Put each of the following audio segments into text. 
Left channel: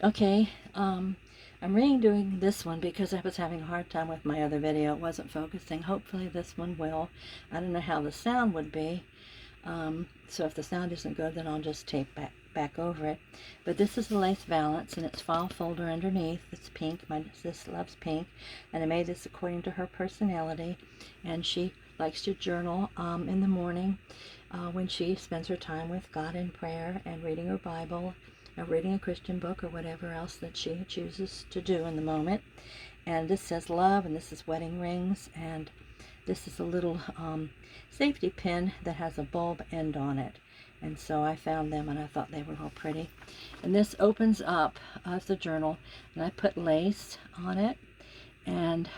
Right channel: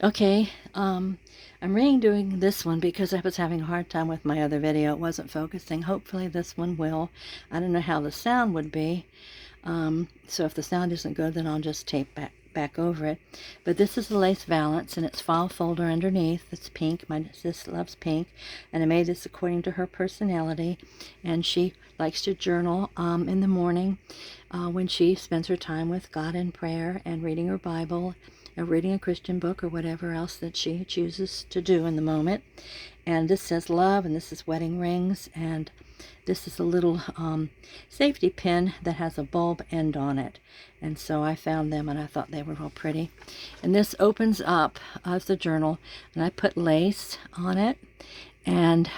Okay, I'm redoing this one because I was having a hard time with my other video. It wasn't focusing. Hopefully this one will. I don't know how the sound would be. So if the sound isn't good, then I'll just tape back over it. But this is the lace valance, and it's file folder underneath. It's pink. My sis loves pink, and I made this according to her personality. And she likes to journal in the morning when she spends her time with God in prayer and reading her Bible, or reading a Christian book, or whatever else that she chooses to do in the moment. And this says love, and this is wedding rings, and this is a little safety pin that has a bulb end on it. And so I found them and I thought they were real pretty. And this opens up as the journal, and I put lace on it. And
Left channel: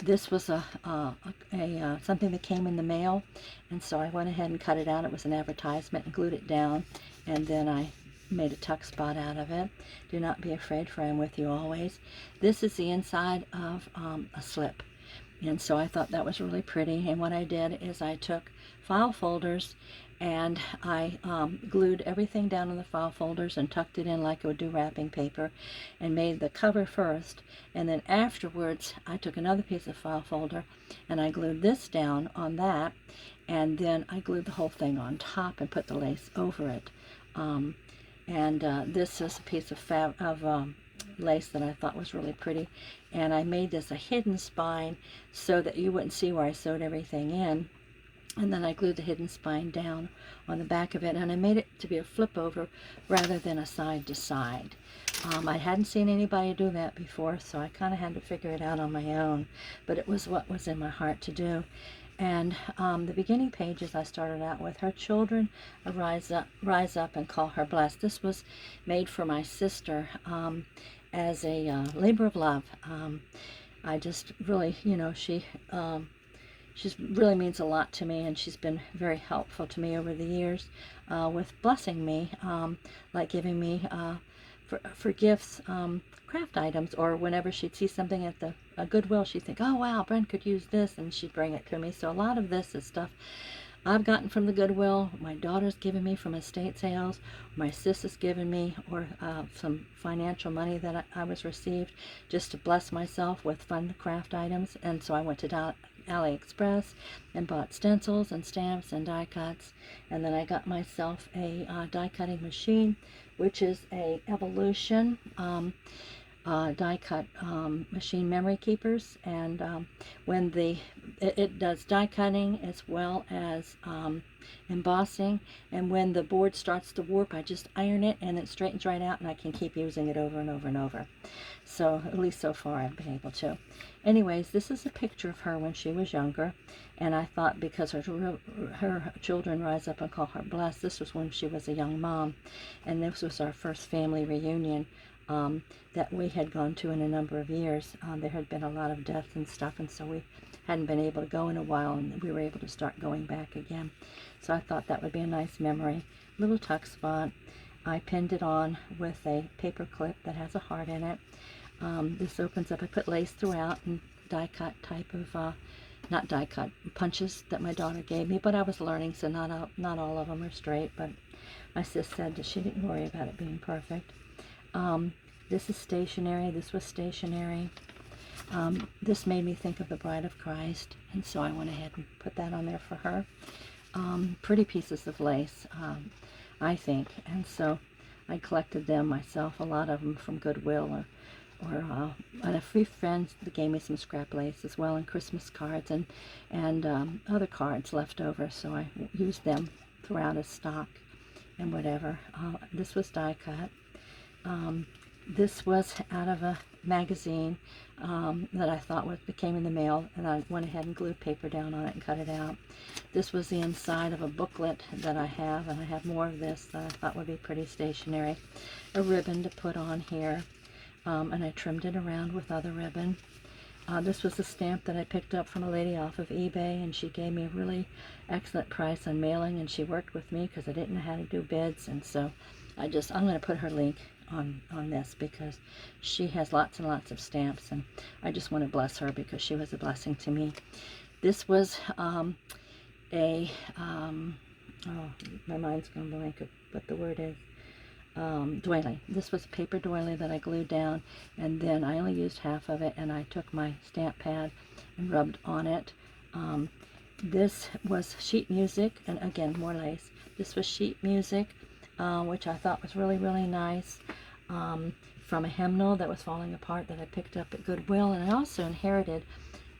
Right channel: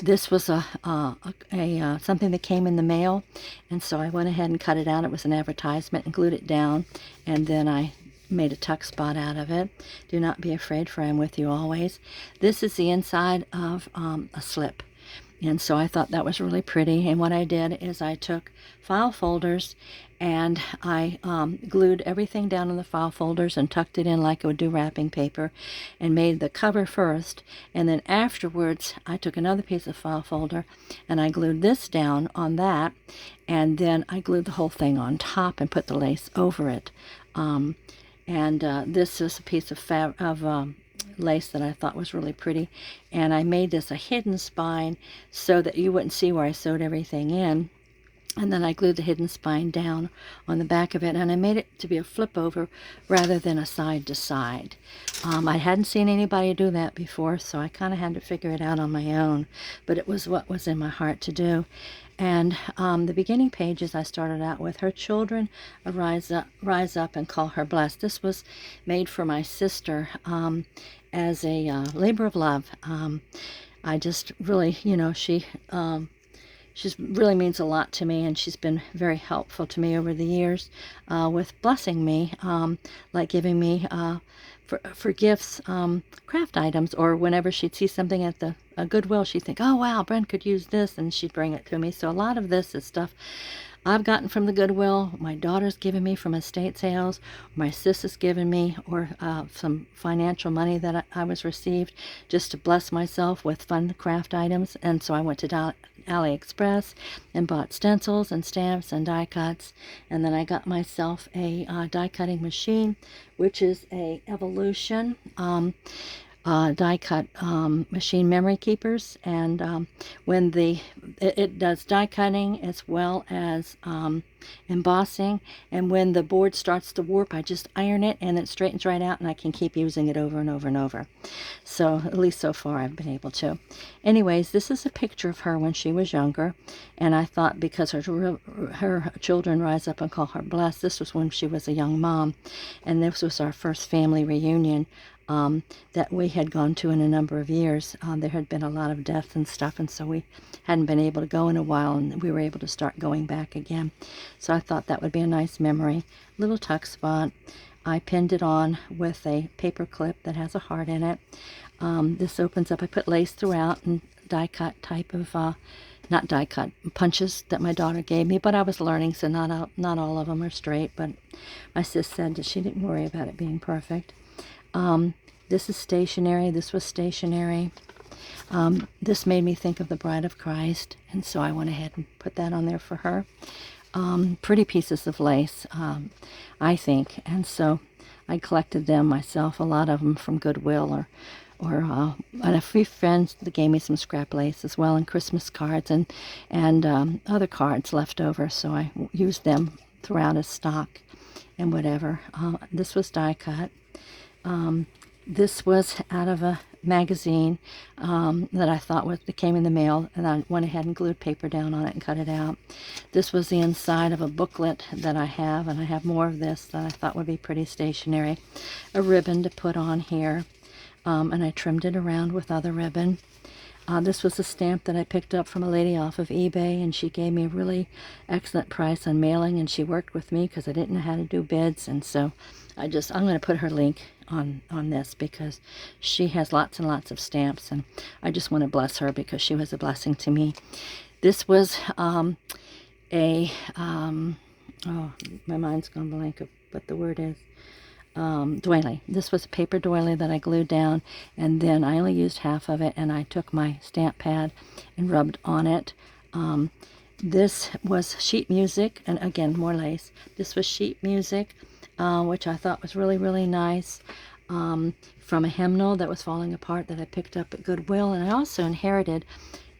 this was something that came in the mail, and so I went ahead and cut it out. It was an advertisement, and glued it down, and then I made a tuck spot out of it. Do not be afraid, for I am with you always. This is the inside of a slip. And so I thought that was really pretty. And what I did is I took file folders and I glued everything down in the file folders and tucked it in like I would do wrapping paper, and made the cover first. And then afterwards, I took another piece of file folder and I glued this down on that. And then I glued the whole thing on top and put the lace over it. This is a piece of lace that I thought was really pretty, and I made this a hidden spine so that you wouldn't see where I sewed everything in. And then I glued the hidden spine down on the back of it, and I made it to be a flip over rather than a side to side. I hadn't seen anybody do that before, so I kind of had to figure it out on my own, but it was what was in my heart to do. And the beginning pages I started out with, her children rise up and call her blessed. This was made for my sister as a labor of love. I just really, she really means a lot to me, and she's been very helpful to me over the years with blessing me, like giving me for gifts, craft items, or whenever she'd see something at the Goodwill, she'd think, oh wow, Brent could use this, and she'd bring it to me. So a lot of this is stuff I've gotten from the Goodwill, my daughter's given me from estate sales, my sister's given me, or some financial money that I was received just to bless myself with fun craft items. And so I went to AliExpress and bought stencils and stamps and die cuts, and then I got myself a die cutting machine, which is a Evolution die cut machine memory keepers. And when it does die cutting as well as embossing, and when the board starts to warp, I just iron it and it straightens right out, and I can keep using it over and over and over. So at least so far I've been able to. Anyways, this is a picture of her when she was younger, and I thought because her children rise up and call her blessed, this was when she was a young mom, and this was our first family reunion that we had gone to in a number of years. There had been a lot of death and stuff, and so we hadn't been able to go in a while, and we were able to start going back again. So I thought that would be a nice memory. Little tuck spot. I pinned it on with a paper clip that has a heart in it. This opens up. I put lace throughout and die cut type of not die cut, punches that my daughter gave me, but I was learning, so not all of them are straight, but my sis said that she didn't worry about it being perfect. This is stationery. This was stationery. This made me think of the Bride of Christ, and so I went ahead and put that on there for her. Pretty pieces of lace, I think, and so I collected them myself, a lot of them from Goodwill, and a few friends that gave me some scrap lace as well, and Christmas cards and other cards left over, so I used them throughout as stock and whatever. This was die cut. This was out of a magazine that I thought that came in the mail, and I went ahead and glued paper down on it and cut it out. This was the inside of a booklet that I have, and I have more of this that I thought would be pretty stationary. A ribbon to put on here, and I trimmed it around with other ribbon. This was a stamp that I picked up from a lady off of eBay, and she gave me a really excellent price on mailing, and she worked with me because I didn't know how to do bids, and so I'm going to put her link on this because she has lots and lots of stamps, and I just want to bless her because she was a blessing to me. This was oh, my mind's gone blank of what the word is. doily. This was a paper doily that I glued down, and then I only used half of it, and I took my stamp pad and rubbed on it. This was sheet music, and again, more lace. This was sheet music, which I thought was really, really nice, from a hymnal that was falling apart that I picked up at Goodwill. And I also inherited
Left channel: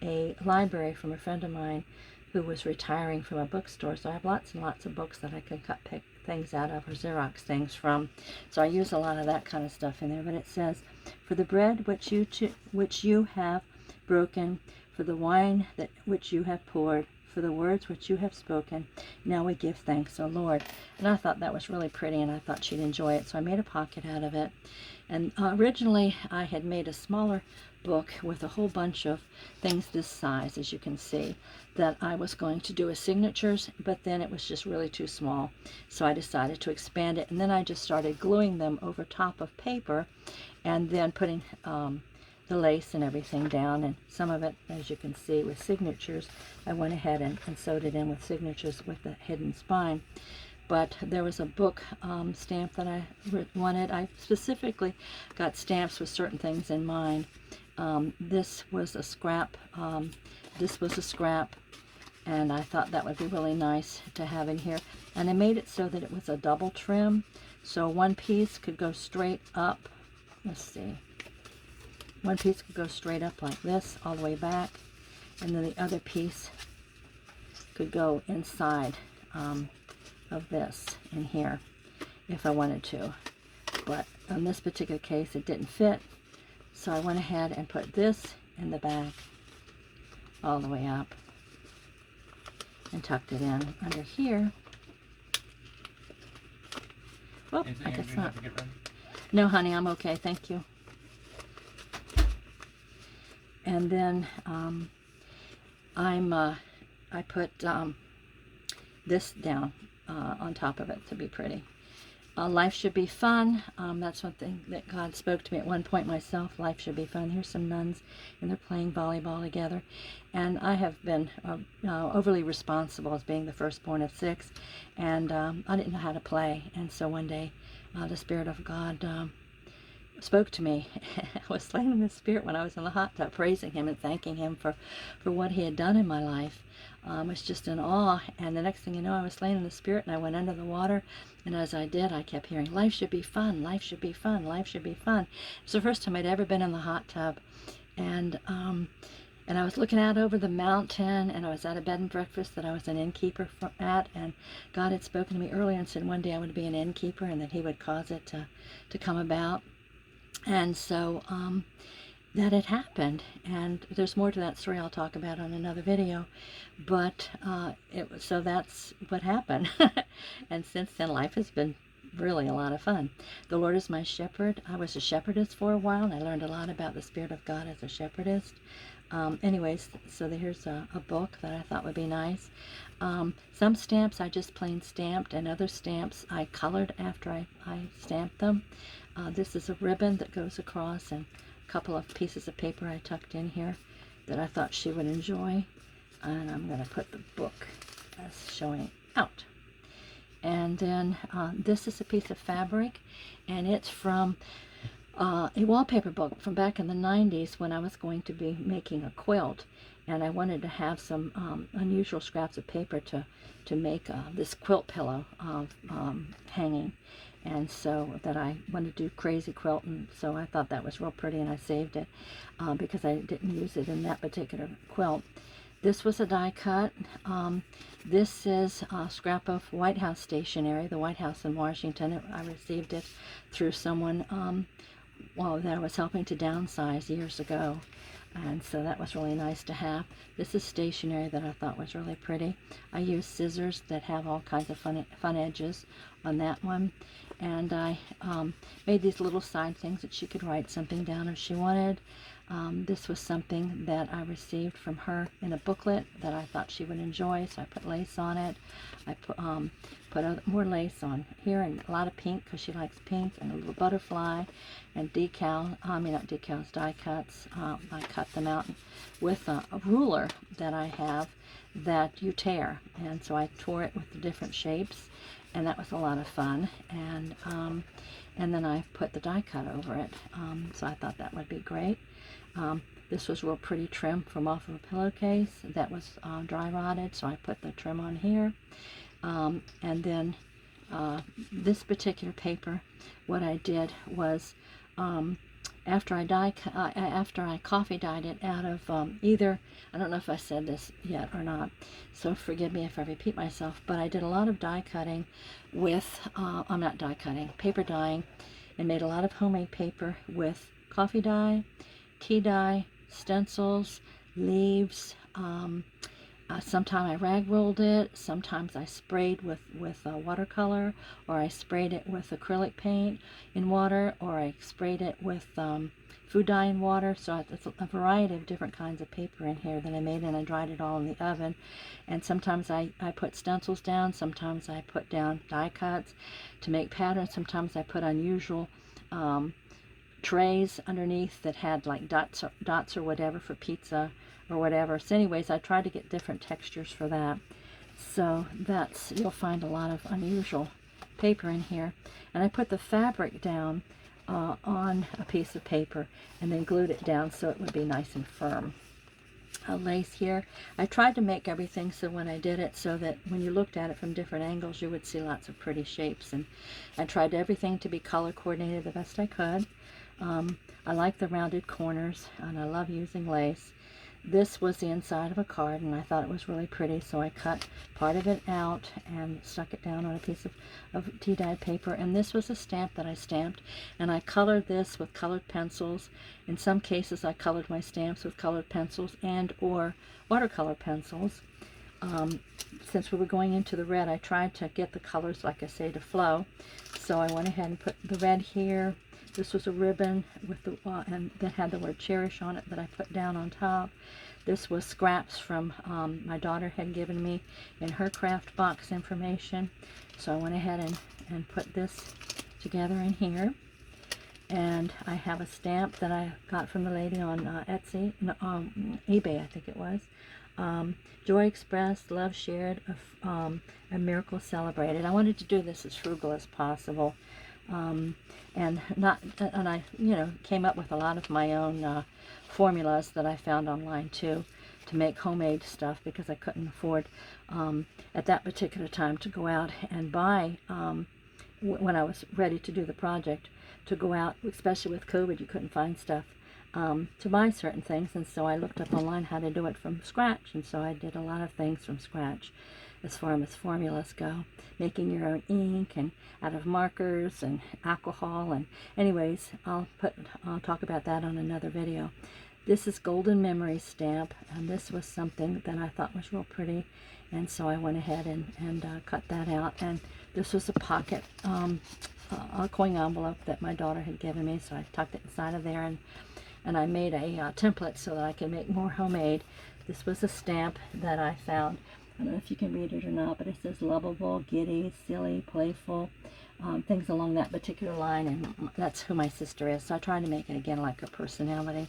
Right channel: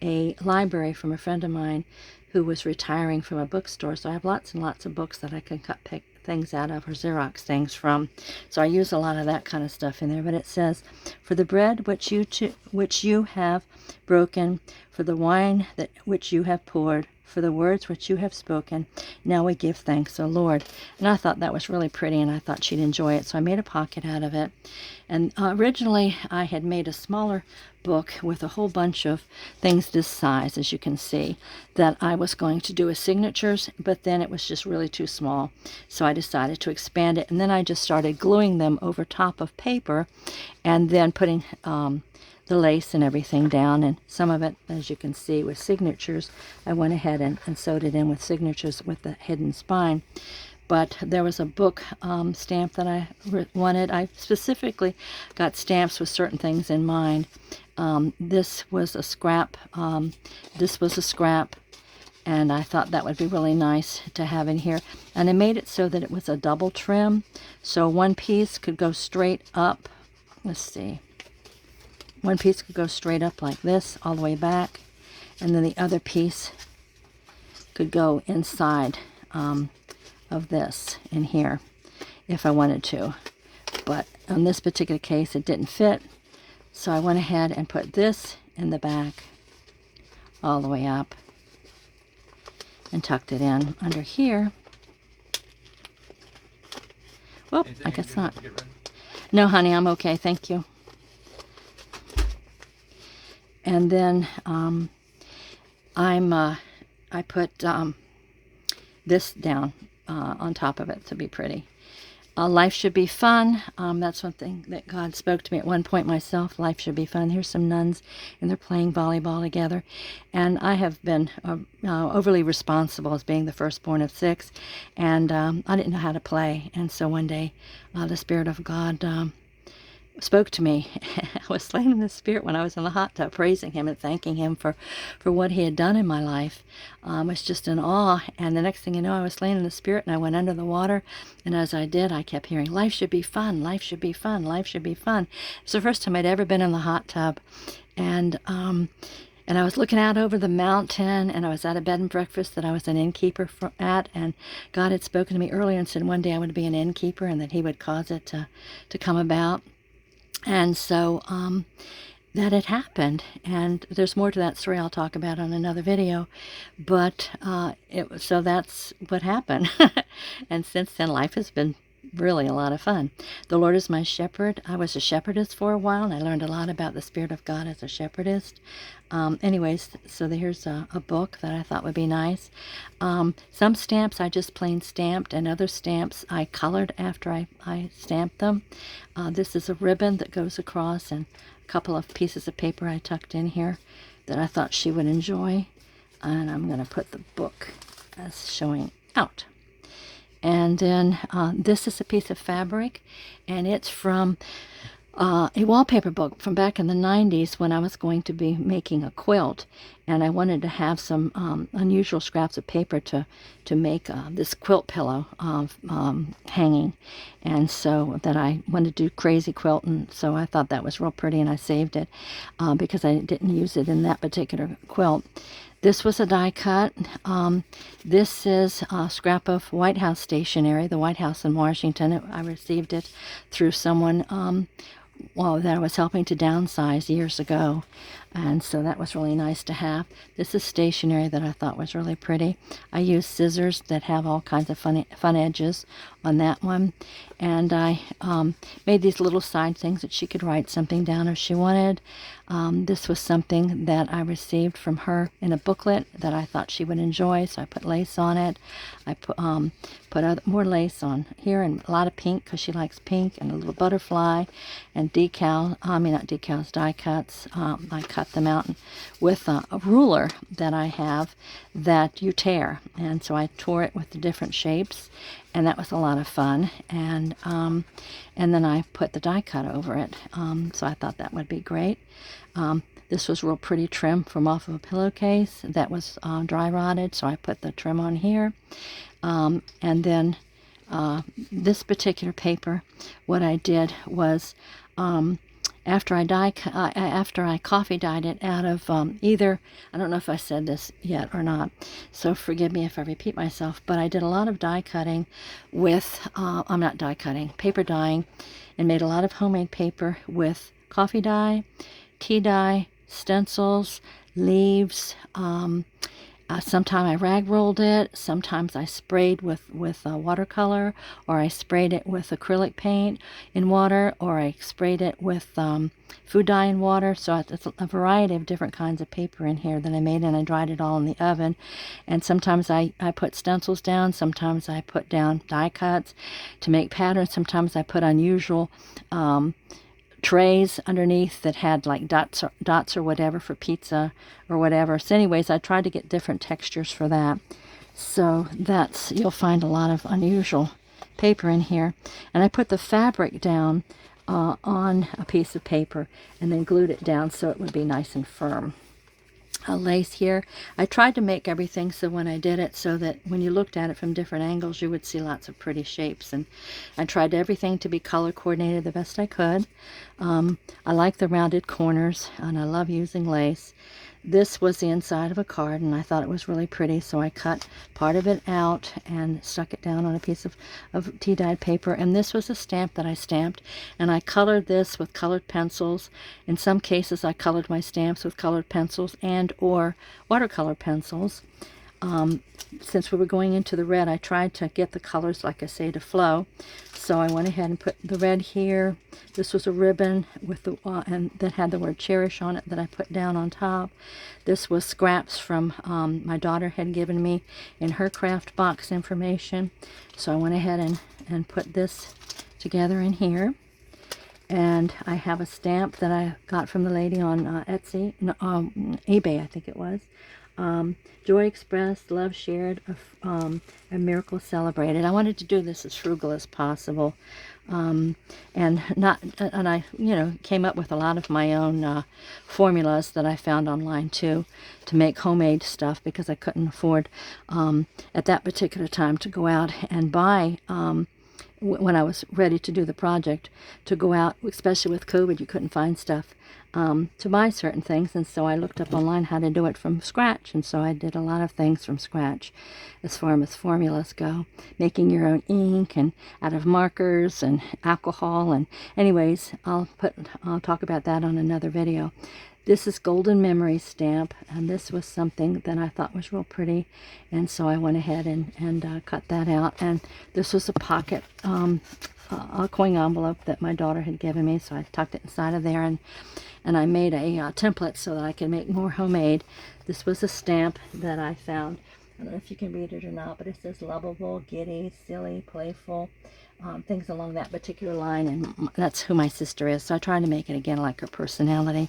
a library from a friend of mine who was retiring from a bookstore. So I have lots and lots of books that I can pick things out of, or Xerox things from. So I use a lot of that kind of stuff in there. But it says, for the bread which you have broken, for the wine which you have poured, for the words which you have spoken, now we give thanks, O Lord. And I thought that was really pretty, and I thought she'd enjoy it, so I made a pocket out of it. And originally I had made a smaller book with a whole bunch of things this size, as you can see, that I was going to do as signatures, but then it was just really too small, so I decided to expand it. And then I just started gluing them over top of paper, and then putting the lace and everything down, and some of it, as you can see, with signatures. I went ahead and sewed it in with signatures with the hidden spine. But there was a book stamp that I wanted. I specifically got stamps with certain things in mind. This was a scrap. This was a scrap, and I thought that would be really nice to have in here. And I made it so that it was a double trim, so one piece could go straight up. Let's see. One piece could go straight up like this, all the way back, and then the other piece could go inside of this in here if I wanted to. But on this particular case, it didn't fit, so I went ahead and put this in the back all the way up and tucked it in under here. Well, I guess not. No, honey, I'm okay, thank you. And then I put this down on top of it to be pretty. Life should be fun. That's one thing that God spoke to me at one point myself. Life should be fun. Here's some nuns, and they're playing volleyball together. And I have been overly responsible as being the firstborn of 6, and I didn't know how to play. And so one day, the Spirit of God spoke to me. I was laying in the Spirit when I was in the hot tub, praising Him and thanking Him for what He had done in my life. I was just in awe, and the next thing you know, I was laying in the Spirit, and I went under the water, and as I did, I kept hearing, life should be fun, life should be fun, life should be fun. It's the first time I'd ever been in the hot tub, and I was looking out over the mountain, and I was at a bed and breakfast that I was an innkeeper at, and God had spoken to me earlier and said one day I would be an innkeeper, and that He would cause it to come about. And so that had happened, and there's more to that story I'll talk about on another video, but so that's what happened. And since then, life has been really a lot of fun. The Lord is my shepherd. I was a shepherdess for a while, and I learned a lot about the Spirit of God as a shepherdess. Anyways, so here's a book that I thought would be nice. Some stamps I just plain stamped, and other stamps I colored after I stamped them. This is a ribbon that goes across, and a couple of pieces of paper I tucked in here that I thought she would enjoy. And I'm going to put the book as showing out. And then this is a piece of fabric, and it's from a wallpaper book from back in the 90s when I was going to be making a quilt, and I wanted to have some unusual scraps of paper to make this quilt pillow hanging, and so that I wanted to do crazy quilt, and so I thought that was real pretty, and I saved it because I didn't use it in that particular quilt. This was a die cut. This is a scrap of White House stationery, the White House in Washington. I received it through someone that I was helping to downsize years ago, and so that was really nice to have. This is stationery that I thought was really pretty. I used scissors that have all kinds of fun edges on that one, and I made these little side things that she could write something down if she wanted. This was something that I received from her in a booklet that I thought she would enjoy, so I put lace on it. I put more lace on here, and a lot of pink because she likes pink, and a little butterfly, and die cuts. I cut them out with a ruler that I have that you tear, and so I tore it with the different shapes, and that was a lot of fun. And then I put the die cut over it, so I thought that would be great. This was real pretty trim from off of a pillowcase that was dry rotted, so I put the trim on here. And then this particular paper, what I did was, after I coffee dyed it out of either, I don't know if I said this yet or not, so forgive me if I repeat myself, but I did a lot of die cutting with, I'm not die cutting, paper dyeing, and made a lot of homemade paper with coffee dye, tea dye, stencils, leaves. Sometimes I rag rolled it, sometimes I sprayed with watercolor, or I sprayed it with acrylic paint in water, or I sprayed it with food dye in water. So it's a variety of different kinds of paper in here that I made, and I dried it all in the oven. And sometimes I put stencils down, sometimes I put down die cuts to make patterns, sometimes I put unusual trays underneath that had like dots or whatever for pizza or whatever. So anyways, I tried to get different textures for that. So that's, you'll find a lot of unusual paper in here. And I put the fabric down on a piece of paper and then glued it down so it would be nice and firm. A lace here. I tried to make everything so when I did it, so that when you looked at it from different angles, you would see lots of pretty shapes. And I tried everything to be color coordinated the best I could. I like the rounded corners, and I love using lace. This was the inside of a card, and I thought it was really pretty, so I cut part of it out and stuck it down on a piece of tea-dyed paper. And this was a stamp that I stamped, and I colored this with colored pencils. In some cases, I colored my stamps with colored pencils and or watercolor pencils. Since we were going into the red, I tried to get the colors, like I say, to flow. So I went ahead and put the red here. This was a ribbon with the and that had the word cherish on it that I put down on top. This was scraps from my daughter had given me in her craft box information. So I went ahead and put this together in here. And I have a stamp that I got from the lady on Etsy, no, eBay, I think it was. Joy expressed, love shared, a miracle celebrated. I wanted to do this as frugal as possible, and I, came up with a lot of my own formulas that I found online too, to make homemade stuff, because I couldn't afford at that particular time to go out and buy. When I was ready to do the project, to go out, especially with COVID, you couldn't find stuff to buy certain things, and so I looked up online how to do it from scratch, and so I did a lot of things from scratch as far as formulas go, making your own ink and out of markers and alcohol. And anyways, I'll talk about that on another video. This is Golden Memory stamp, and this was something that I thought was real pretty, and so I went ahead and cut that out. And this was a pocket a coin envelope that my daughter had given me, so I tucked it inside of there, and I made a template so that I could make more homemade. This was a stamp that I found. I don't know if you can read it or not, but it says lovable, giddy, silly, playful, things along that particular line, and that's who my sister is, so I tried to make it again like her personality.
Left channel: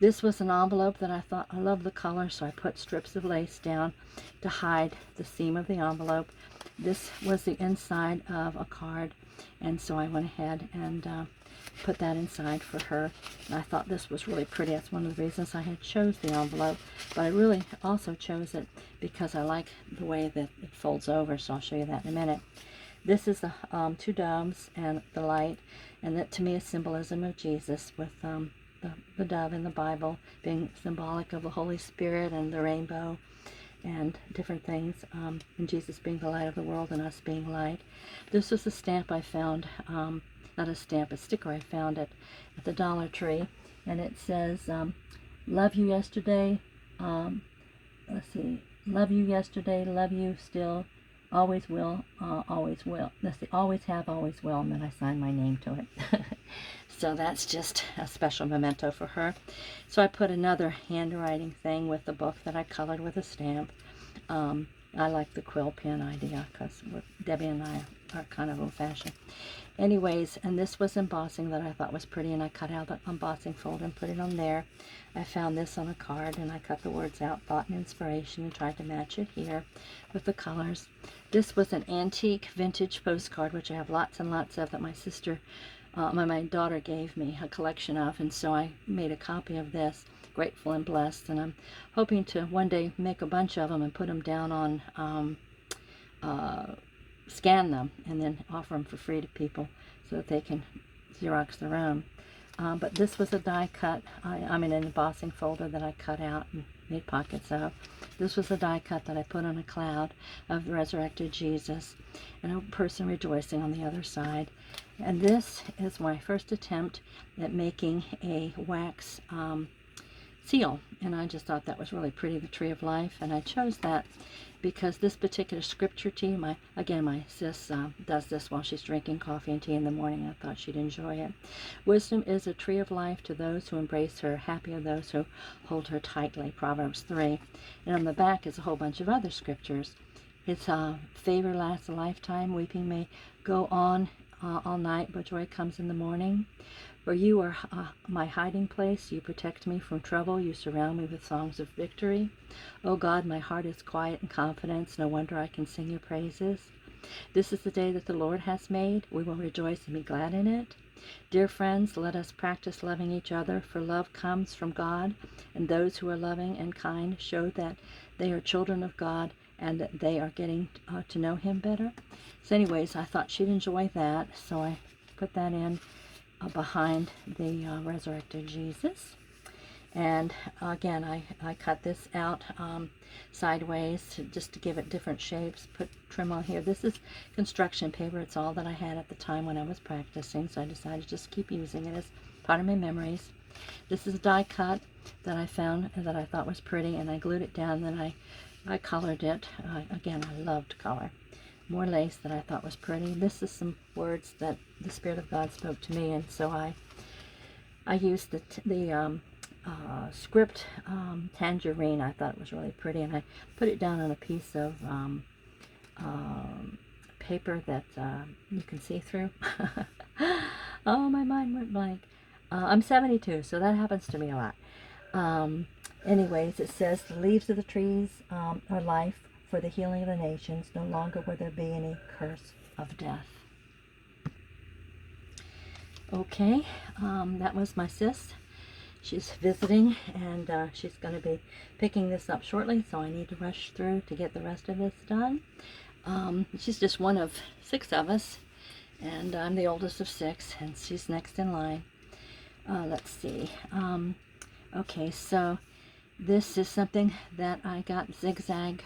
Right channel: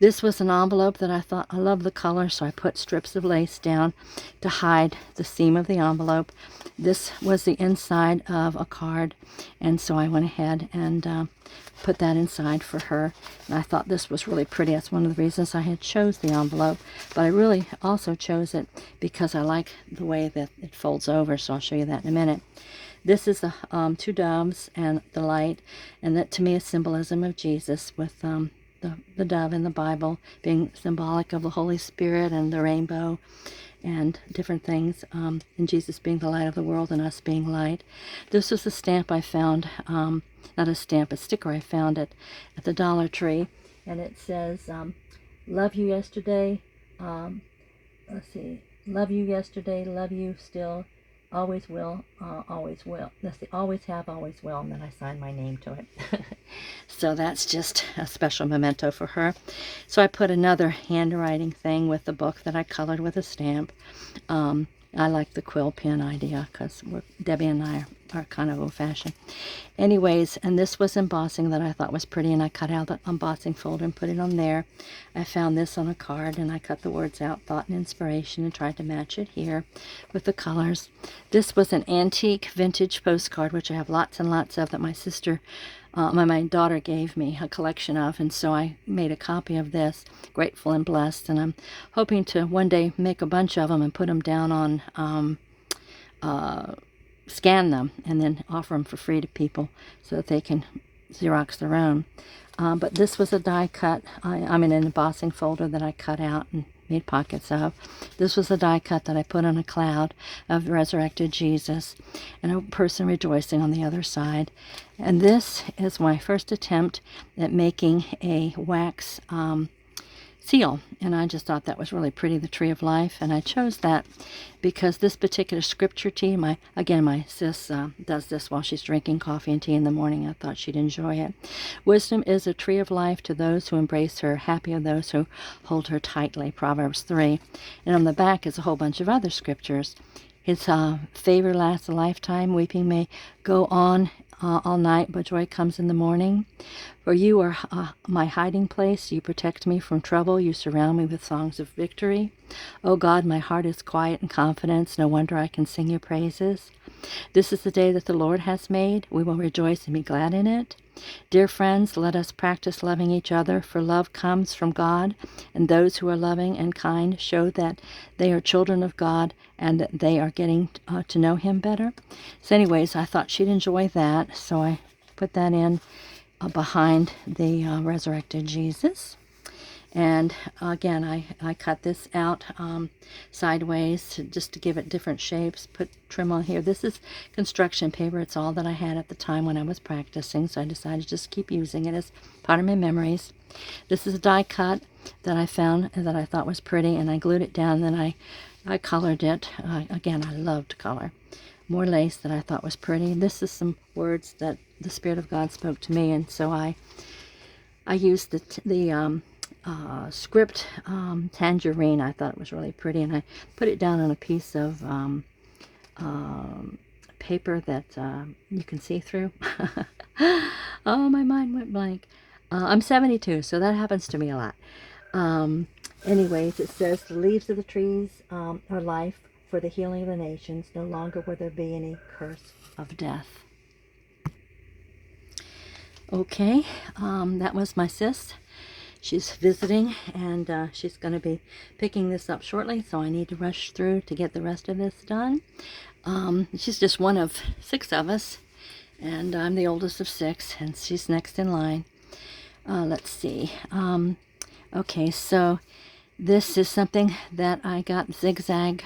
This was an envelope that I thought, I love the color, so I put strips of lace down to hide the seam of the envelope. This was the inside of a card, and so I went ahead and put that inside for her. And I thought this was really pretty. That's one of the reasons I had chose the envelope, but I really also chose it because I like the way that it folds over, so I'll show you that in a minute. This is the two doves and the light, and that to me is symbolism of Jesus, with the dove in the Bible being symbolic of the Holy Spirit and the rainbow and different things, and Jesus being the light of the world and us being light. This was a stamp I found, not a stamp, a sticker I found at the Dollar Tree, and it says, love you yesterday, let's see, love you yesterday, love you still, always will, always will. Let's see, always have, always will, and then I signed my name to it. So that's just a special memento for her. So I put another handwriting thing with the book that I colored with a stamp I like the quill pen idea because Debbie and I are kind of old-fashioned. Anyways, and this was embossing that I thought was pretty, and I cut out the embossing folder and put it on there. I found this on a card, and I cut the words out, thought and inspiration, and tried to match it here with the colors. This was an antique vintage postcard, which I have lots and lots of, that my sister, my daughter gave me a collection of, and so I made a copy of this, grateful and blessed, and I'm hoping to one day make a bunch of them and put them down on scan them and then offer them for free to people so that they can Xerox their own. But this was a die cut. I'm in an embossing folder that I cut out and made pockets of. This was a die cut that I put on a cloud of resurrected Jesus and a person rejoicing on the other side. And this is my first attempt at making a wax seal, and I just thought that was really pretty, the Tree of Life, and I chose that because this particular scripture tea, my sis does this while she's drinking coffee and tea in the morning. I thought she'd enjoy it. Wisdom is a tree of life to those who embrace her, happy are those who hold her tightly, Proverbs 3. And on the back is a whole bunch of other scriptures. His favor lasts a lifetime, weeping may go on all night, but joy comes in the morning. For you are my hiding place. You protect me from trouble. You surround me with songs of victory. O God, my heart is quiet in confidence. No wonder I can sing your praises. This is the day that the Lord has made. We will rejoice and be glad in it. Dear friends, let us practice loving each other, for love comes from God, and those who are loving and kind show that they are children of God and that they are getting to know Him better. So anyways, I thought she'd enjoy that, so I put that in behind the resurrected Jesus. And again, I cut this out sideways just to give it different shapes, put trim on here. This is construction paper. It's all that I had at the time when I was practicing, so I decided to just keep using it as part of my memories. This is a die cut that I found and that I thought was pretty, and I glued it down, and then I colored it. Again, I love to color. More lace that I thought was pretty. This is some words that the Spirit of God spoke to me, and so I used the script tangerine. I thought it was really pretty, and I put it down on a piece of paper that you can see through. Oh, my mind went blank. I'm 72, so that happens to me a lot. Anyways, it says, the leaves of the trees are life for the healing of the nations. No longer will there be any curse of death. Okay, that was my sis. She's visiting, and she's going to be picking this up shortly, so I need to rush through to get the rest of this done. She's just one of 6 of us, and I'm the oldest of 6, and she's next in line. Let's see. Okay, so this is something that I got, zigzag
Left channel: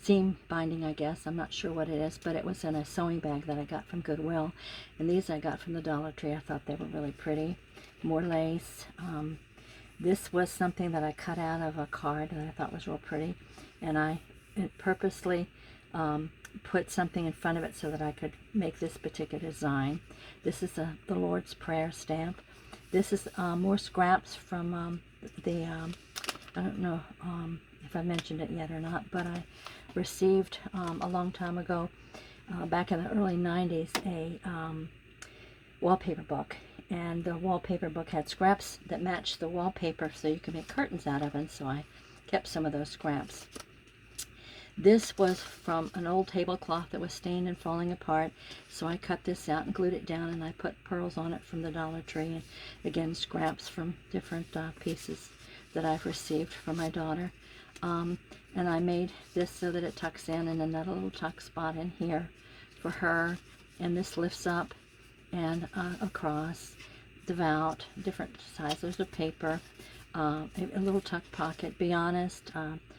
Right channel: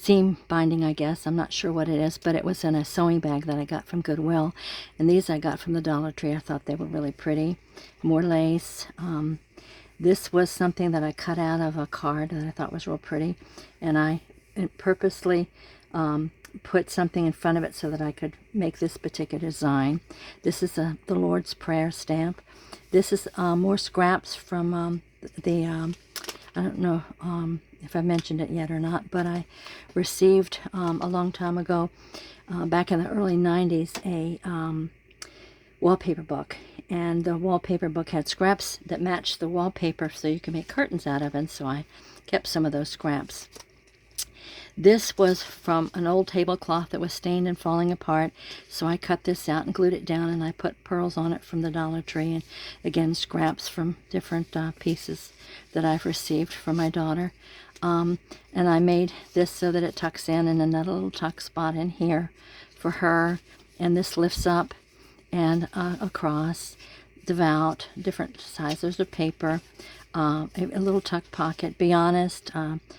seam binding, I guess. I'm not sure what it is, but it was in a sewing bag that I got from Goodwill. And these I got from the Dollar Tree. I thought they were really pretty. More lace. This was something that I cut out of a card that I thought was real pretty. And I purposely put something in front of it so that I could make this particular design. This is the Lord's Prayer stamp. This is more scraps from I don't know if I mentioned it yet or not, but I received a long time ago, back in the early 90s, a wallpaper book. And the wallpaper book had scraps that matched the wallpaper so you can make curtains out of, and so I kept some of those scraps. This was from an old tablecloth that was stained and falling apart, so I cut this out and glued it down, and I put pearls on it from the Dollar Tree, and again, scraps from different pieces that I've received from my daughter. And I made this so that it tucks in, and another little tuck spot in here for her, and this lifts up and across, devout, different sizes of paper. A little tuck pocket. Be honest,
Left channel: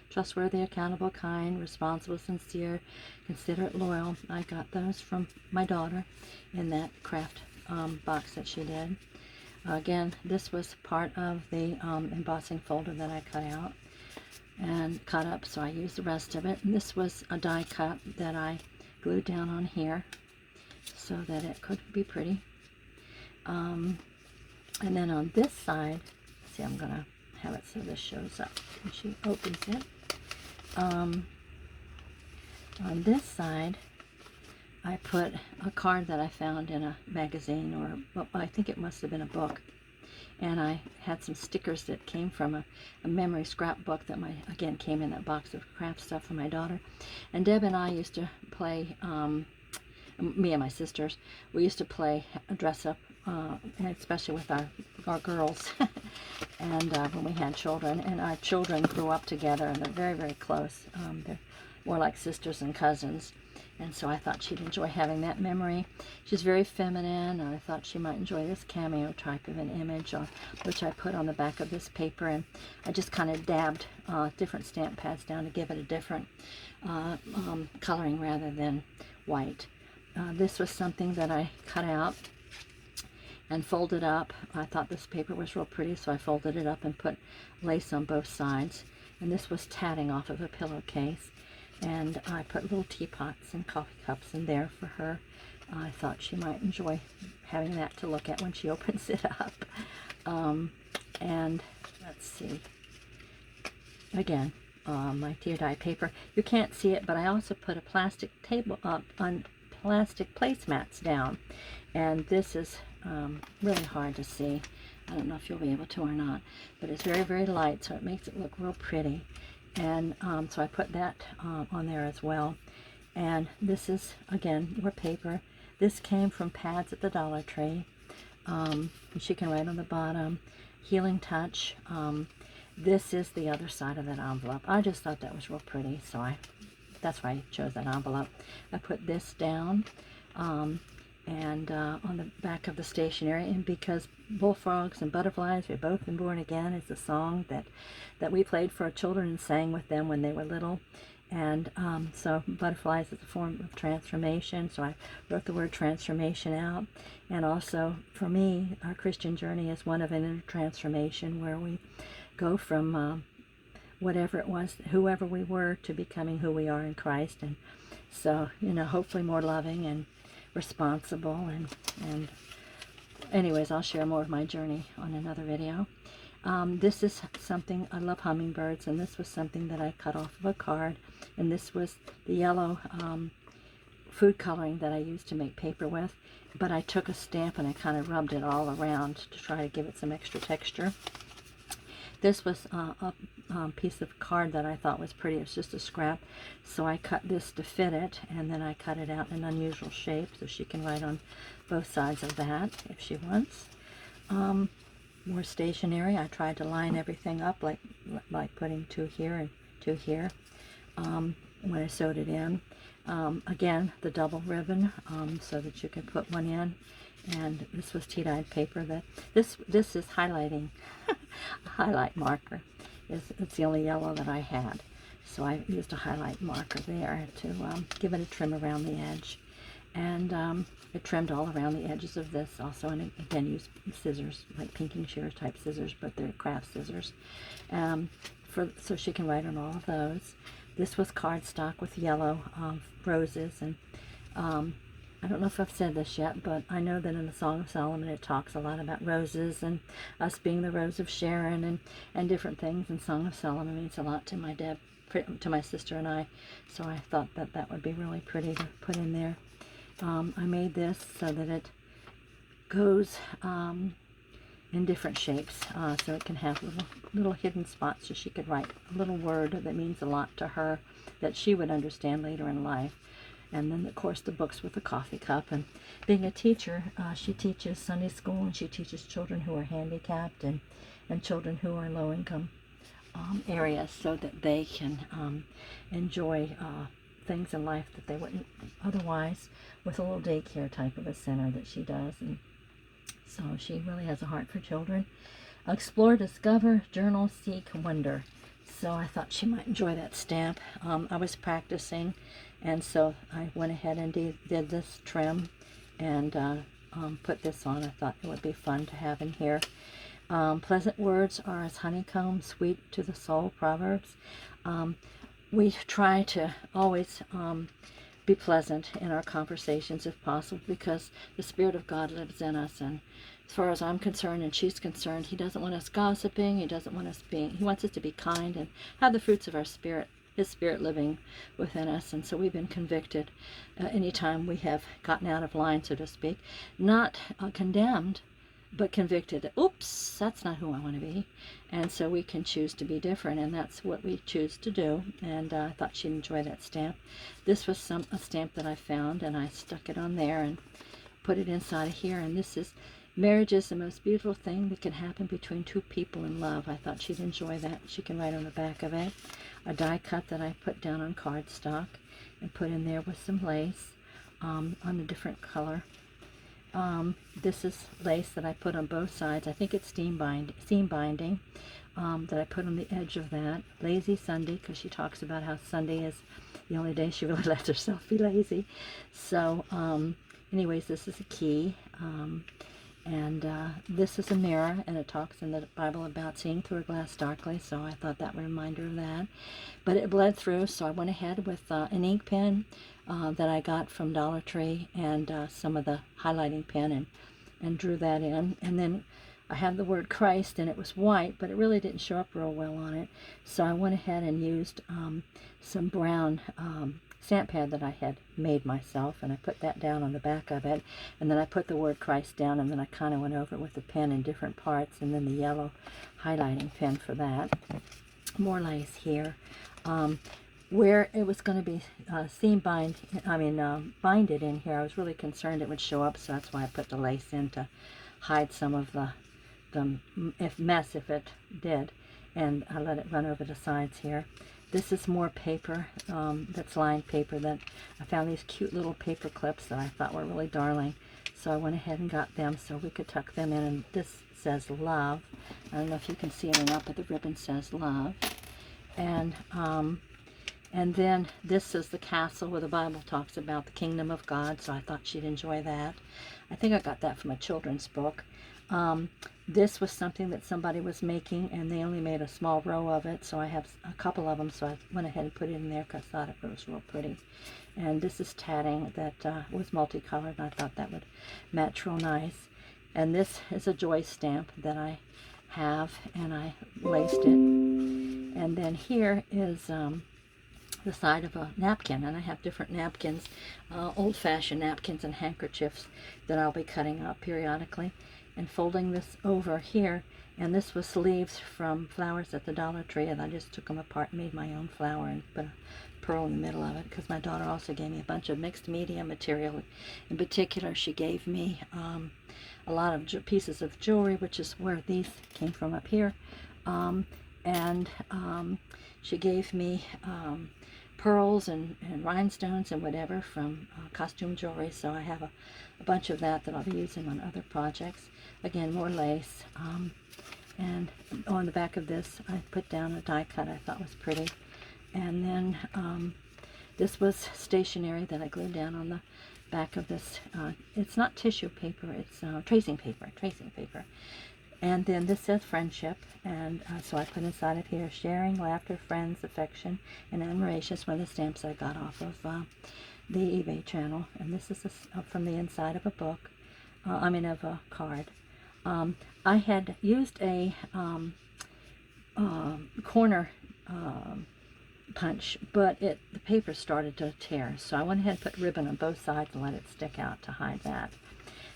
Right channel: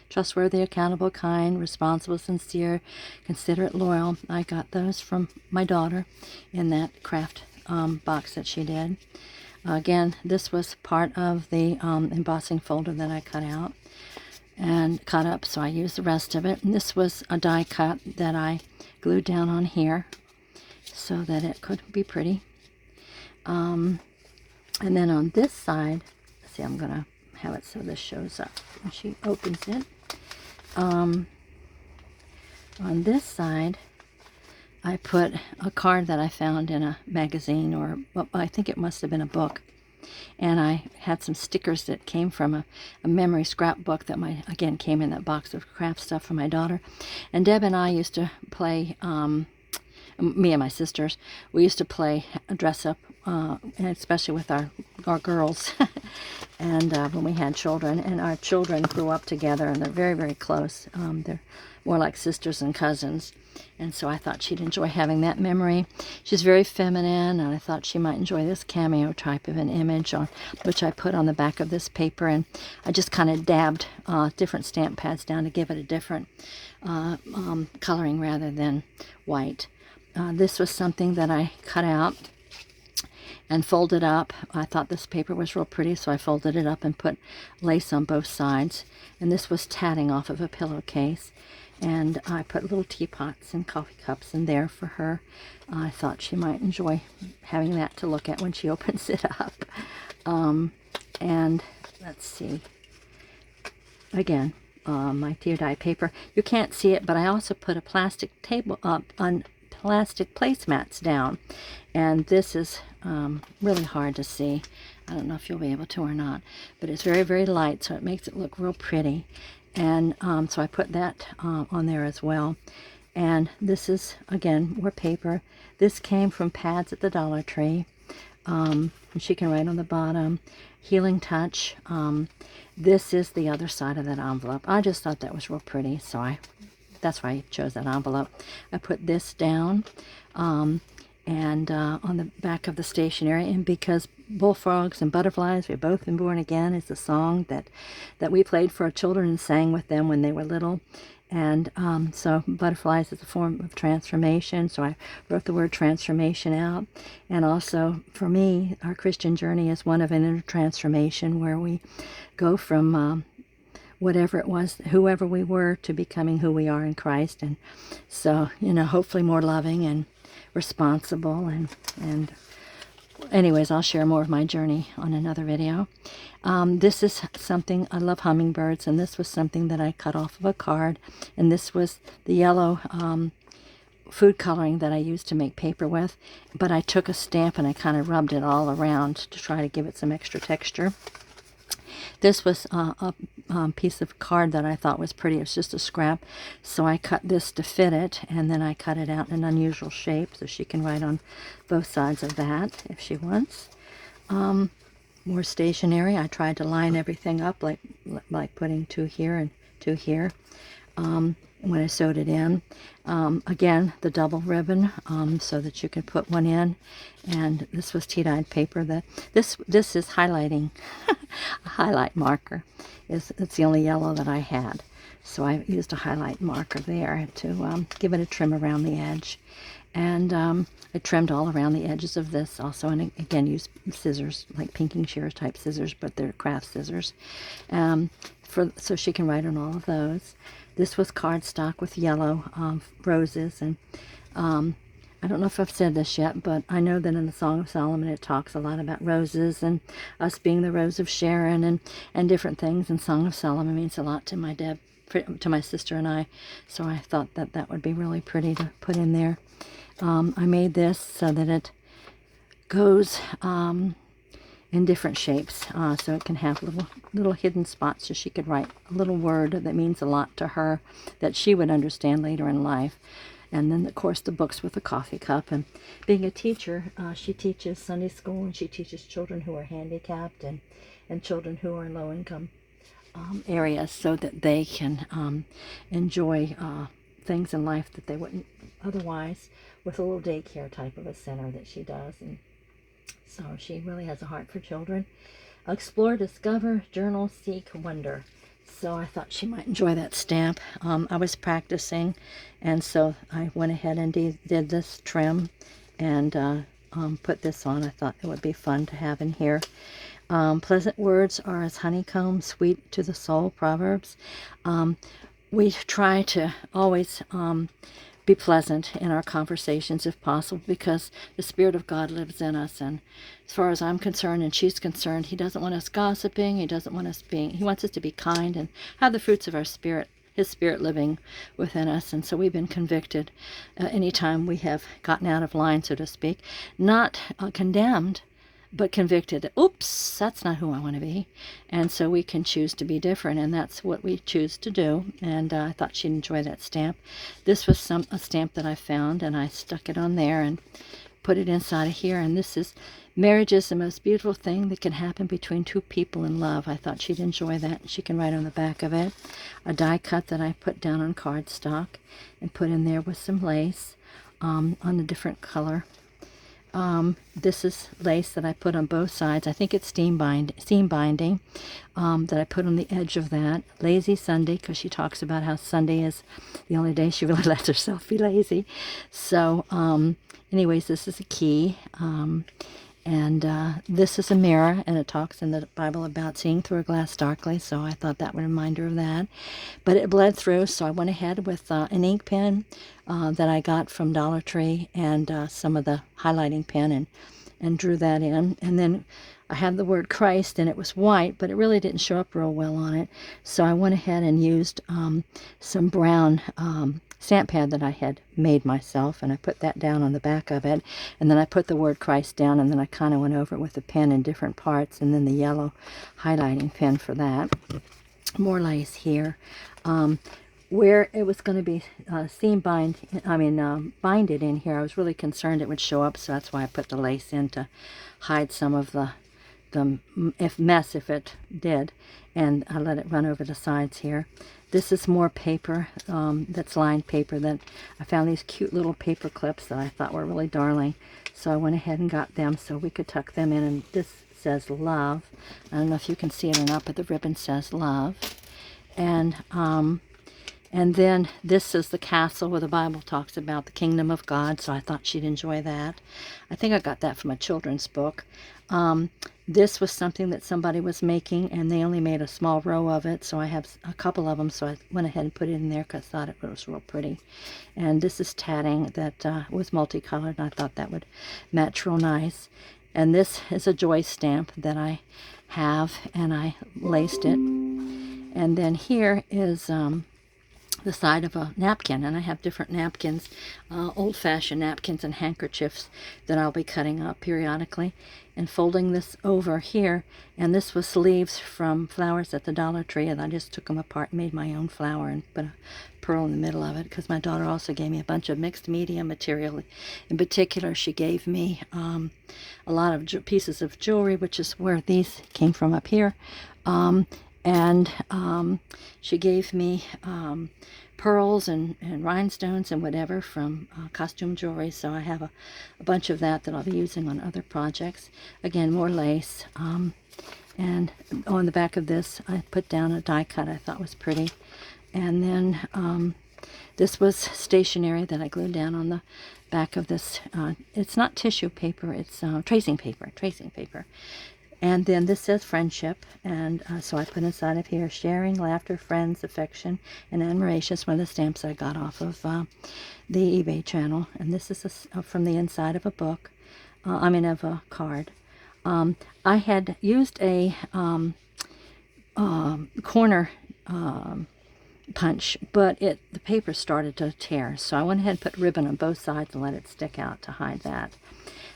trustworthy, accountable, kind, responsible, sincere, considerate, loyal. I got those from my daughter in that craft box that she did. Again, this was part of the embossing folder that I cut out and cut up, so I used the rest of it. And this was a die cut that I glued down on here so that it could be pretty. And then on this side, I'm going to have it so this shows up and she opens it. On this side, I put a card that I found in a magazine, or well, I think it must have been a book. And I had some stickers that came from a memory scrapbook that again came in that box of craft stuff for my daughter. And Deb and I used to play, me and my sisters, we used to play dress up, and especially with our girls, and when we had children. And our children grew up together, and they're very, very close. They're more like sisters and cousins. And so I thought she'd enjoy having that memory. She's very feminine, and I thought she might enjoy this cameo type of an image, which I put on the back of this paper. And I just kind of dabbed different stamp pads down to give it a different coloring rather than white. This was something that I cut out and folded up. I thought this paper was real pretty, so I folded it up and put lace on both sides. And this was tatting off of a pillowcase. And I put little teapots and coffee cups in there for her. I thought she might enjoy having that to look at when she opens it up. And let's see. Again, my tear dye paper. You can't see it, but I also put a plastic table up on plastic placemats down. And this is really hard to see. I don't know if you'll be able to or not, but it's very, very light, so it makes it look real pretty. And so I put that on there as well. And this is, again, more paper. This came from pads at the Dollar Tree. And she can write on the bottom, Healing Touch. This is the other side of that envelope. I just thought that was real pretty, so that's why I chose that envelope. I put this down and on the back of the stationery, and because bullfrogs and butterflies, we've both been born again, is a song that we played for our children and sang with them when they were little. And so butterflies is a form of transformation, so I wrote the word transformation out. And also for me, our Christian journey is one of an inner transformation, where we go from whatever it was, whoever we were, to becoming who we are in Christ. And so, hopefully more loving and responsible. And anyways, I'll share more of my journey on another video. This is something, I love hummingbirds, and this was something that I cut off of a card. And this was the yellow food coloring that I used to make paper with. But I took a stamp and I kind of rubbed it all around to try to give it some extra texture. This was a piece of card that I thought was pretty. It was just a scrap. So I cut this to fit it, and then I cut it out in an unusual shape so she can write on both sides of that if she wants. More stationery. I tried to line everything up like putting 2 here and 2 here when I sewed it in. Again, the double ribbon so that you can put one in. And this was tea-dyed paper. This is highlighting, a highlight marker. It's the only yellow that I had. So I used a highlight marker there to give it a trim around the edge. And I trimmed all around the edges of this also, and again used scissors, like pinking shears type scissors, but they're craft scissors, so she can write on all of those. This was cardstock with yellow roses, and I don't know if I've said this yet, but I know that in the Song of Solomon it talks a lot about roses and us being the rose of Sharon and different things, and Song of Solomon means a lot to my sister and I, so I thought that would be really pretty to put in there. I made this so that it goes in different shapes, so it can have little hidden spots, so she could write a little word that means a lot to her that she would understand later in life. And then, of course, the books with the coffee cup. And being a teacher, she teaches Sunday school, and she teaches children who are handicapped and children who are in low-income areas, so that they can enjoy things in life that they wouldn't otherwise, with a little daycare type of a center that she does. And so she really has a heart for children. Explore, discover, journal, seek, wonder. So I thought she might enjoy that stamp. I was practicing, and so I went ahead and did this trim and put this on. I thought it would be fun to have in here. Pleasant words are as honeycomb, sweet to the soul, Proverbs. We try to always be pleasant in our conversations if possible, because the Spirit of God lives in us. And as far as I'm concerned and she's concerned, he doesn't want us gossiping. He doesn't want us he wants us to be kind and have the fruits of our Spirit, His Spirit living within us. And so we've been convicted anytime we have gotten out of line, so to speak. Not condemned, but convicted. Oops, that's not who I want to be. And so we can choose to be different, and that's what we choose to do. And I thought she'd enjoy that stamp. This was a stamp that I found, and I stuck it on there and put it inside of here. And this is, marriage is the most beautiful thing that can happen between two people in love. I thought she'd enjoy that. She can write on the back of it. A die cut that I put down on cardstock and put in there with some lace on a different color. This is lace that I put on both sides. I think it's seam binding that I put on the edge of that. Lazy Sunday, because she talks about how Sunday is the only day she really lets herself be lazy. So anyways, this is a key. And this is a mirror, and it talks in the Bible about seeing through a glass darkly, so I thought that would remind her of that. But it bled through, so I went ahead with an ink pen that I got from Dollar Tree and some of the highlighting pen and drew that in. And then I had the word Christ, and it was white, but it really didn't show up real well on it. So I went ahead and used some brown stamp pad that I had made myself, and I put that down on the back of it, and then I put the word Christ down, and then I kind of went over it with the pen in different parts, and then the yellow highlighting pen for that. More lace here. Where it was going to be binded in here, I was really concerned it would show up, so that's why I put the lace in to hide some of the mess if it did, and I let it run over the sides here. This is more paper, that's lined paper that I found these cute little paper clips that I thought were really darling. So I went ahead and got them so we could tuck them in. And this says love. I don't know if you can see it or not, but the ribbon says love. And then this is the castle where the Bible talks about the kingdom of God. So I thought she'd enjoy that. I think I got that from a children's book. This was something that somebody was making, and they only made a small row of it, so I have a couple of them, so I went ahead and put it in there because I thought it was real pretty. And this is tatting that was multicolored, and I thought that would match real nice. And this is a joy stamp that I have, and I laced it. And then here is the side of a napkin, and I have different napkins, old-fashioned napkins and handkerchiefs that I'll be cutting up periodically and folding this over here. And this was leaves from flowers at the Dollar Tree, and I just took them apart and made my own flower and put a pearl in the middle of it, because my daughter also gave me a bunch of mixed media material. In particular, she gave me a lot of pieces of jewelry, which is where these came from up here. She gave me pearls and rhinestones and whatever from costume jewelry, so I have a bunch of that I'll be using on other projects. Again, more lace. And on the back of this, I put down a die cut I thought was pretty. And then this was stationery that I glued down on the back of this. It's not tissue paper, it's tracing paper. And then this says friendship, and so I put inside of here, sharing, laughter, friends, affection, and admiration. It's one of the stamps I got off of the eBay channel. And this is from the inside of a book, of a card. I had used a corner punch, but the paper started to tear. So I went ahead and put ribbon on both sides and let it stick out to hide that.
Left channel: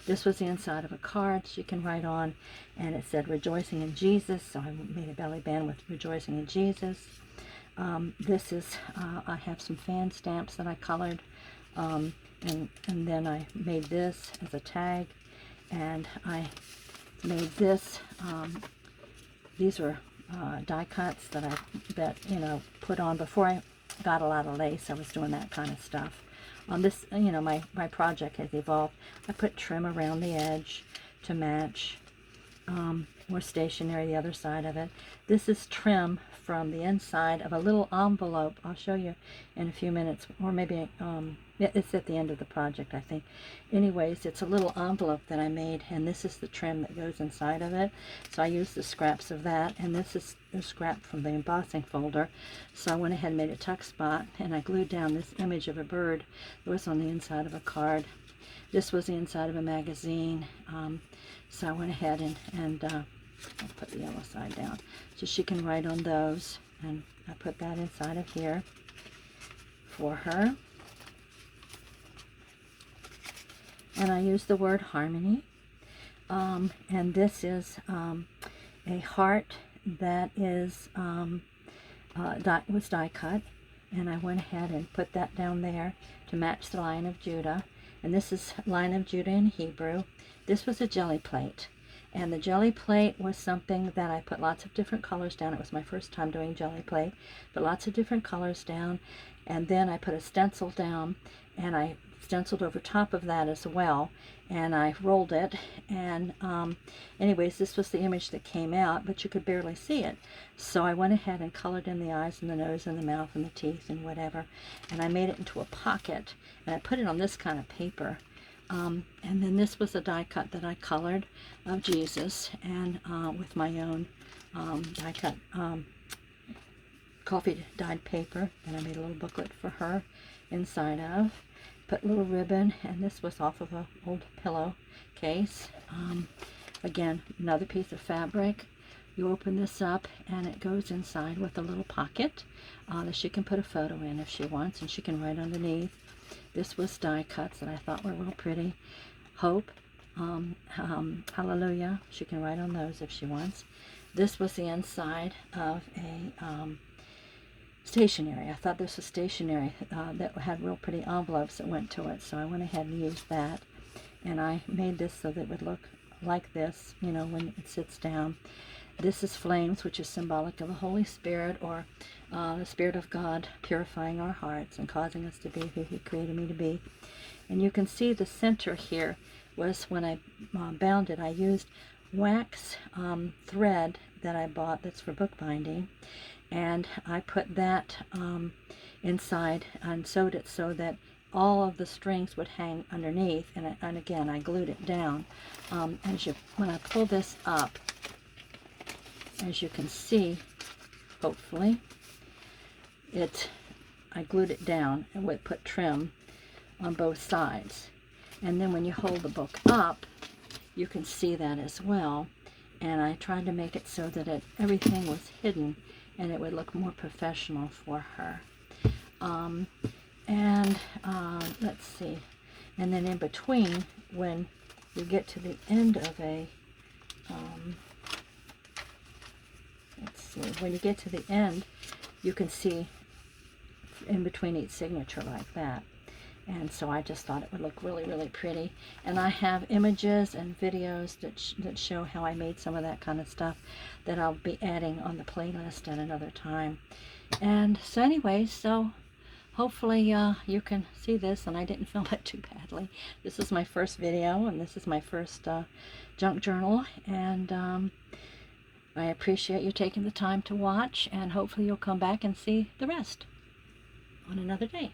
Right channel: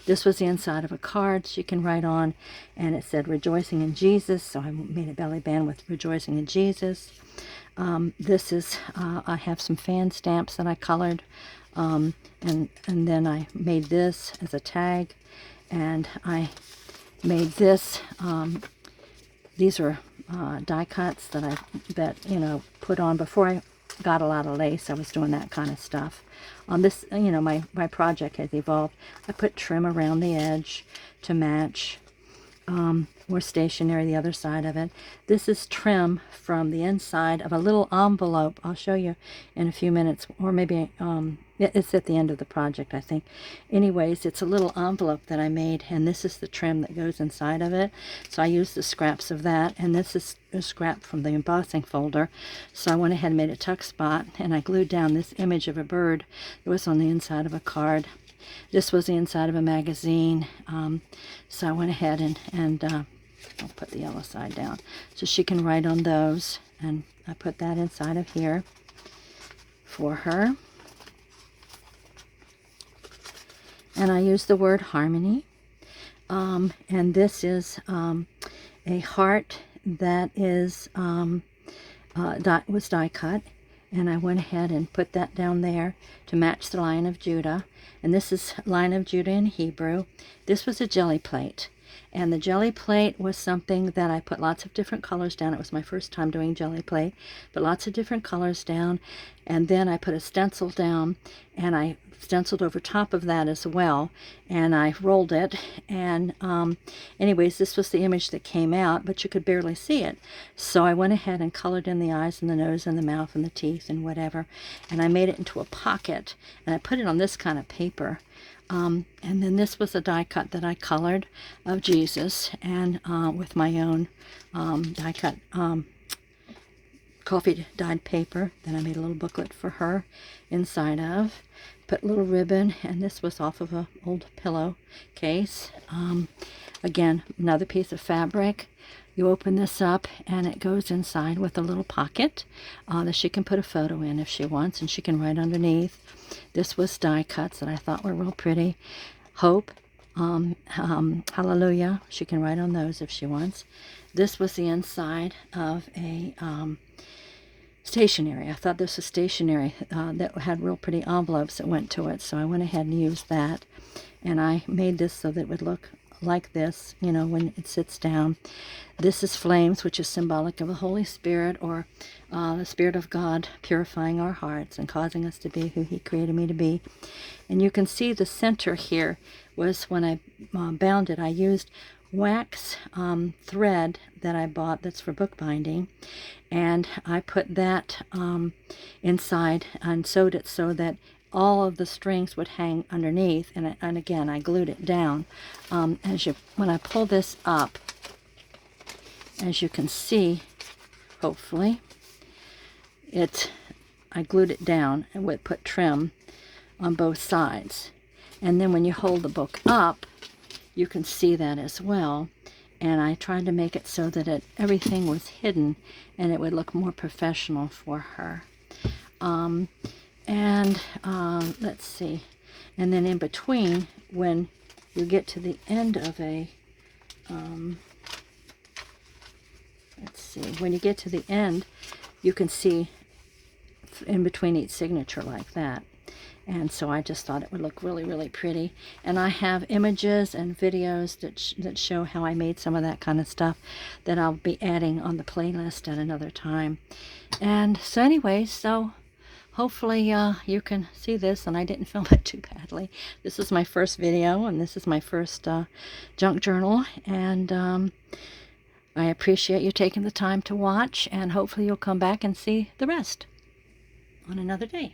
This was the inside of a card she can write on, and it said rejoicing in Jesus, so I made a belly band with rejoicing in Jesus. This is, I have some fan stamps that I colored, and then I made this as a tag, and I made this, these are die cuts that I put on before I got a lot of lace. I was doing that kind of stuff. On this, my project has evolved. I put trim around the edge to match. More stationery, the other side of it. This is trim from the inside of a little envelope. I'll show you in a few minutes, or maybe it's at the end of the project, I think. Anyways, it's a little envelope that I made, and this is the trim that goes inside of it. So I used the scraps of that, and this is a scrap from the embossing folder. So I went ahead and made a tuck spot, and I glued down this image of a bird that was on the inside of a card. This was the inside of a magazine. So I went ahead and I'll put the yellow side down so she can write on those. And I put that inside of here for her. And I use the word harmony. And this is a heart that is was die cut. And I went ahead and put that down there to match the Lion of Judah. And this is Lion of Judah in Hebrew. This was a jelly plate. And the jelly plate was something that I put lots of different colors down. It was my first time doing jelly plate. Put lots of different colors down. And then I put a stencil down. And I stenciled over top of that as well. And I rolled it. And anyways, this was the image that came out, but you could barely see it. So I went ahead and colored in the eyes and the nose and the mouth and the teeth and whatever. And I made it into a pocket. And I put it on this kind of paper. And then this was a die cut that I colored of Jesus, and with my own die cut coffee dyed paper. Then I made a little booklet for her inside of. Put a little ribbon, and this was off of an old pillow case. Again, another piece of fabric. You open this up, and it goes inside with a little pocket that she can put a photo in if she wants, and she can write underneath. This was die cuts that I thought were real pretty. Hope, hallelujah. She can write on those if she wants. This was the inside of a stationery. I thought this was stationery that had real pretty envelopes that went to it, so I went ahead and used that. And I made this so that it would look like this, you know, when it sits down. This is flames, which is symbolic of the Holy Spirit, or the Spirit of God purifying our hearts and causing us to be who He created me to be. And you can see the center here was, when I bound it, I used wax thread that I bought that's for bookbinding, and I put that inside and sewed it so that all of the strings would hang underneath, and again I glued it down. When I pull this up, as you can see, hopefully, I glued it down and would put trim on both sides. And then when you hold the book up, you can see that as well. And I tried to make it so that everything was hidden and it would look more professional for her. Let's see. And then in between, when you get to the end of a, when you get to the end, you can see in between each signature like that. And so I just thought it would look really, really pretty. And I have images and videos that show how I made some of that kind of stuff that I'll be adding on the playlist at another time. And so anyway, so hopefully you can see this, and I didn't film it too badly. This is my first video, and this is my first junk journal. And I appreciate you taking the time to watch, and hopefully you'll come back and see the rest on another day.